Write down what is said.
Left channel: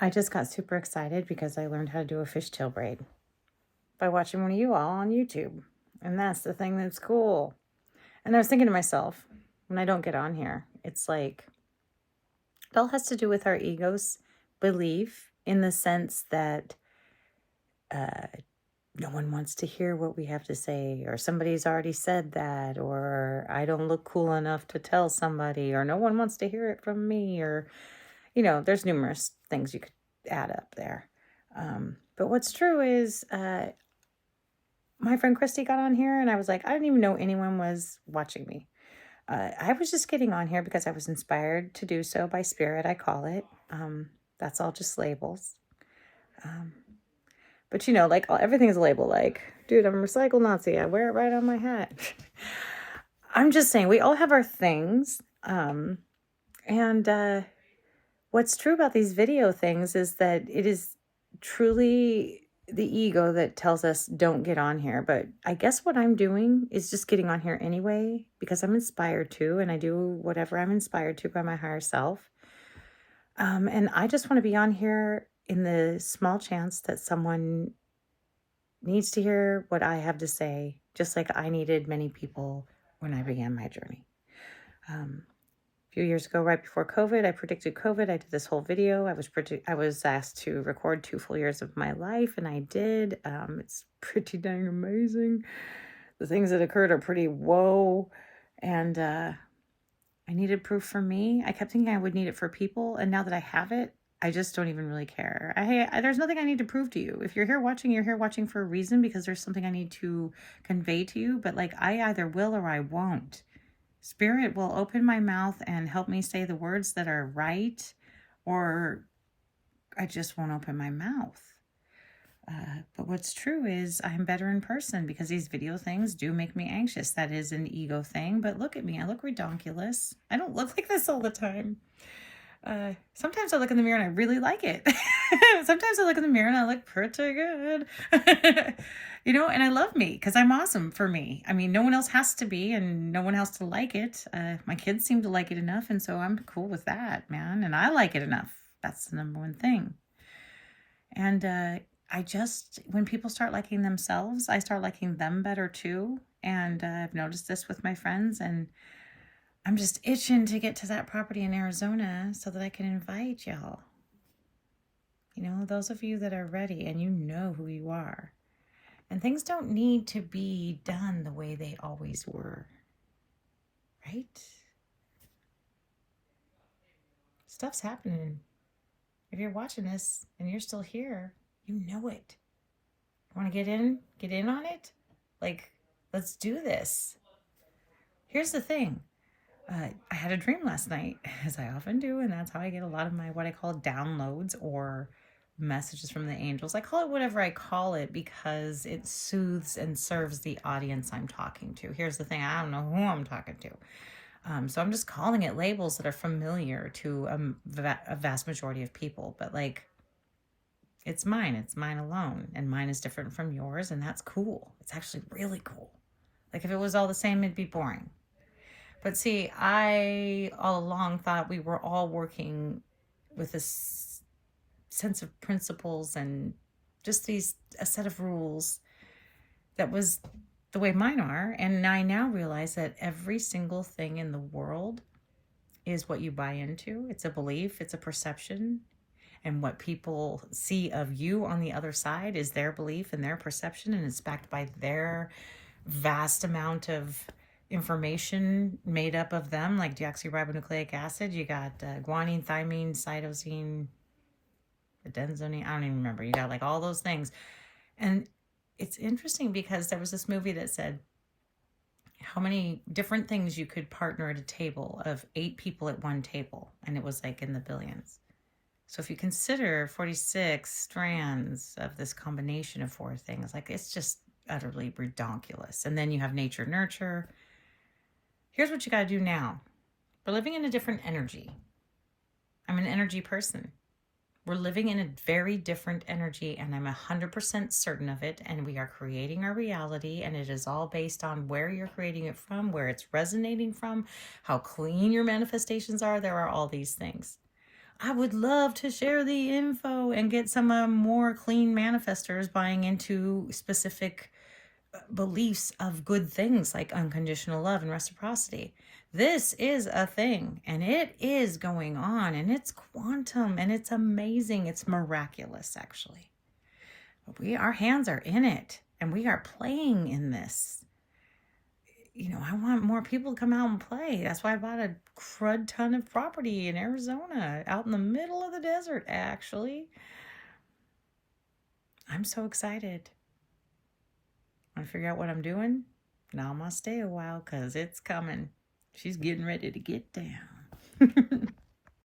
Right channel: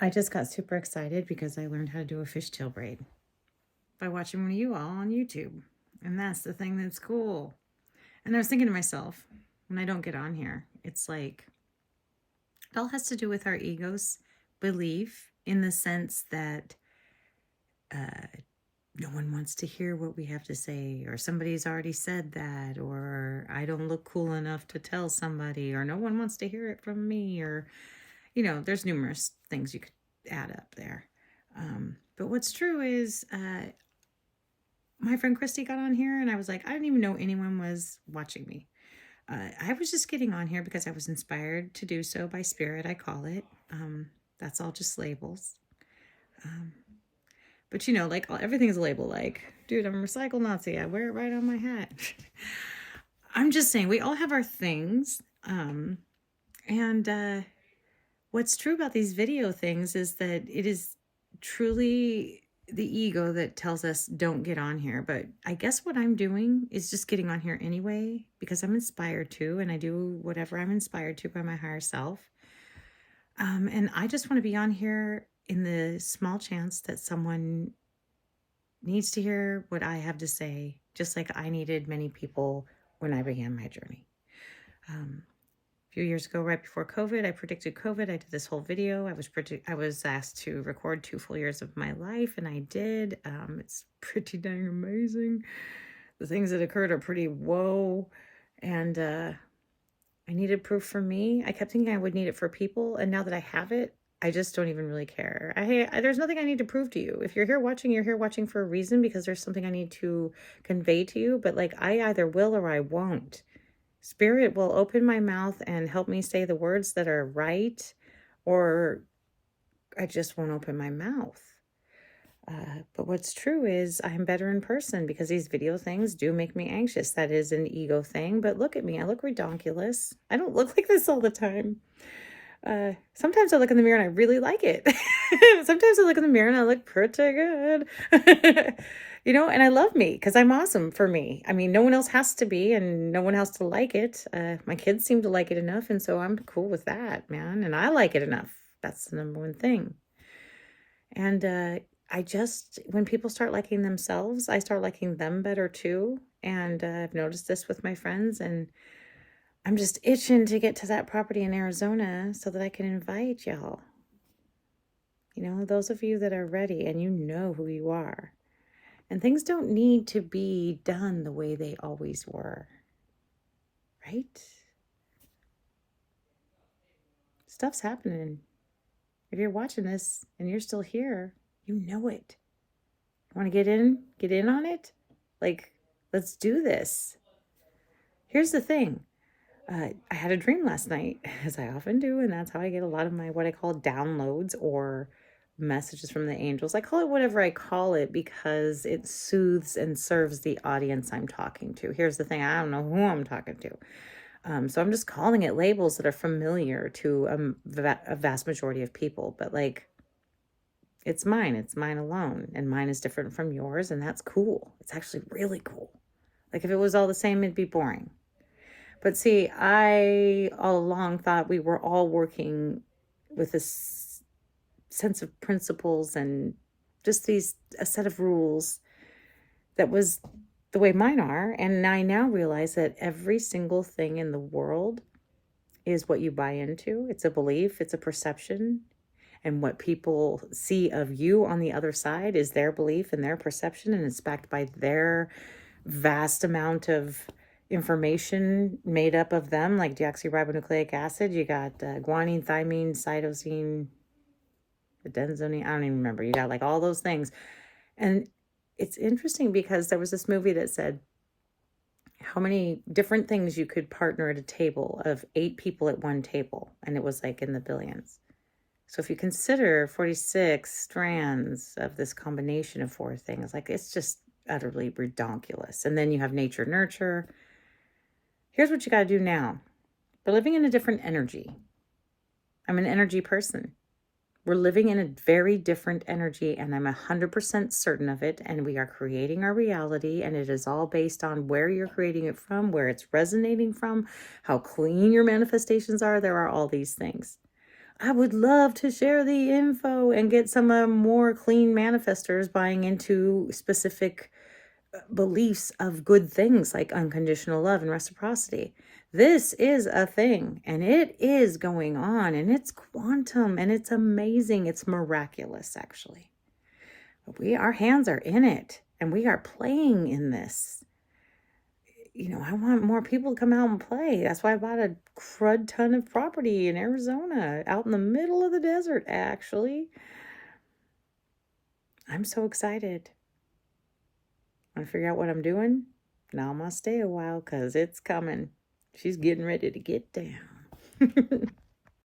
I just got super excited because I learned how to do a fishtail braid by watching one of you all on YouTube. And that's the thing that's cool. And I was thinking to myself, when I don't get on here, it's like it all has to do with our ego's belief in the sense that uh, no one wants to hear what we have to say, or somebody's already said that, or I don't look cool enough to tell somebody, or no one wants to hear it from me, or, there's numerous things you could add up there. But what's true is my friend Christy got on here and I was like, I didn't even know anyone was watching me. I was just getting on here because I was inspired to do so by spirit, I call it. That's all just labels. But like everything's a label. Like, dude, I'm a recycle Nazi. I wear it right on my hat. I'm just saying we all have our things. And what's true about these video things is that it is truly the ego that tells us don't get on here. But I guess what I'm doing is just getting on here anyway because I'm inspired to, and I do whatever I'm inspired to by my higher self. And I just want to be on here in the small chance that someone needs to hear what I have to say, just like I needed many people when I began my journey. A few years ago, right before COVID, I predicted COVID. I did this whole video. I was asked to record 2 full years of my life, and I did. It's pretty dang amazing. The things that occurred are pretty whoa, and I needed proof for me. I kept thinking I would need it for people, and now that I have it, I just don't even really care. There's nothing I need to prove to you. If you're here watching, you're here watching for a reason because there's something I need to convey to you. But like, I either will or I won't. Spirit will open my mouth and help me say the words that are right, or I just won't open my mouth. But what's true is I'm better in person because these video things do make me anxious. That is an ego thing. But look at me. I look redonkulous. I don't look like this all the time. Sometimes I look in the mirror and I really like it. Sometimes I look in the mirror and I look pretty good. And I love me because I'm awesome for me. I mean, no one else has to be and no one has to like it. My kids seem to like it enough, and so I'm cool with that, man. And I like it enough. That's the number one thing. And when people start liking themselves, I start liking them better too. And I've noticed this with my friends, and I'm just itching to get to that property in Arizona so that I can invite y'all. Those of you that are ready and you know who you are. And things don't need to be done the way they always were. Right? Stuff's happening. If you're watching this and you're still here, you know it. Want to get in? Get in on it? Like, let's do this. Here's the thing. I had a dream last night, as I often do, and that's how I get a lot of my what I call downloads or messages from the angels. I call it whatever I call it because it soothes and serves the audience I'm talking to. Here's the thing. I don't know who I'm talking to. So I'm just calling it labels that are familiar to a vast majority of people. But like, it's mine. It's mine alone. And mine is different from yours. And that's cool. It's actually really cool. Like if it was all the same, it'd be boring. But see, I all along thought we were all working with this sense of principles and just a set of rules that was the way mine are. And I now realize that every single thing in the world is what you buy into. It's a belief, it's a perception. And what people see of you on the other side is their belief and their perception, and it's backed by their vast amount of information made up of them, like deoxyribonucleic acid. You got guanine, thymine, cytosine, adenosine. I don't even remember. You got like all those things. And it's interesting because there was this movie that said how many different things you could partner at a table of 8 people at one table. And it was like in the billions. So if you consider 46 strands of this combination of 4 things, like it's just utterly redonkulous. And then you have nature, nurture. Here's what you got to do now. We're living in a different energy. I'm an energy person. We're living in a very different energy, and I'm 100% certain of it. And we are creating our reality, and it is all based on where you're creating it from, where it's resonating from, how clean your manifestations are. There are all these things. I would love to share the info and get some more clean manifestors buying into specific beliefs of good things like unconditional love and reciprocity. This is a thing, and it is going on, and it's quantum, and it's amazing. It's miraculous, actually. Our hands are in it, and we are playing in this. I want more people to come out and play. That's why I bought a crud ton of property in Arizona, out in the middle of the desert, actually. I'm so excited. Want to figure out what I'm doing? Now I'm going to stay a while because it's coming. She's getting ready to get down.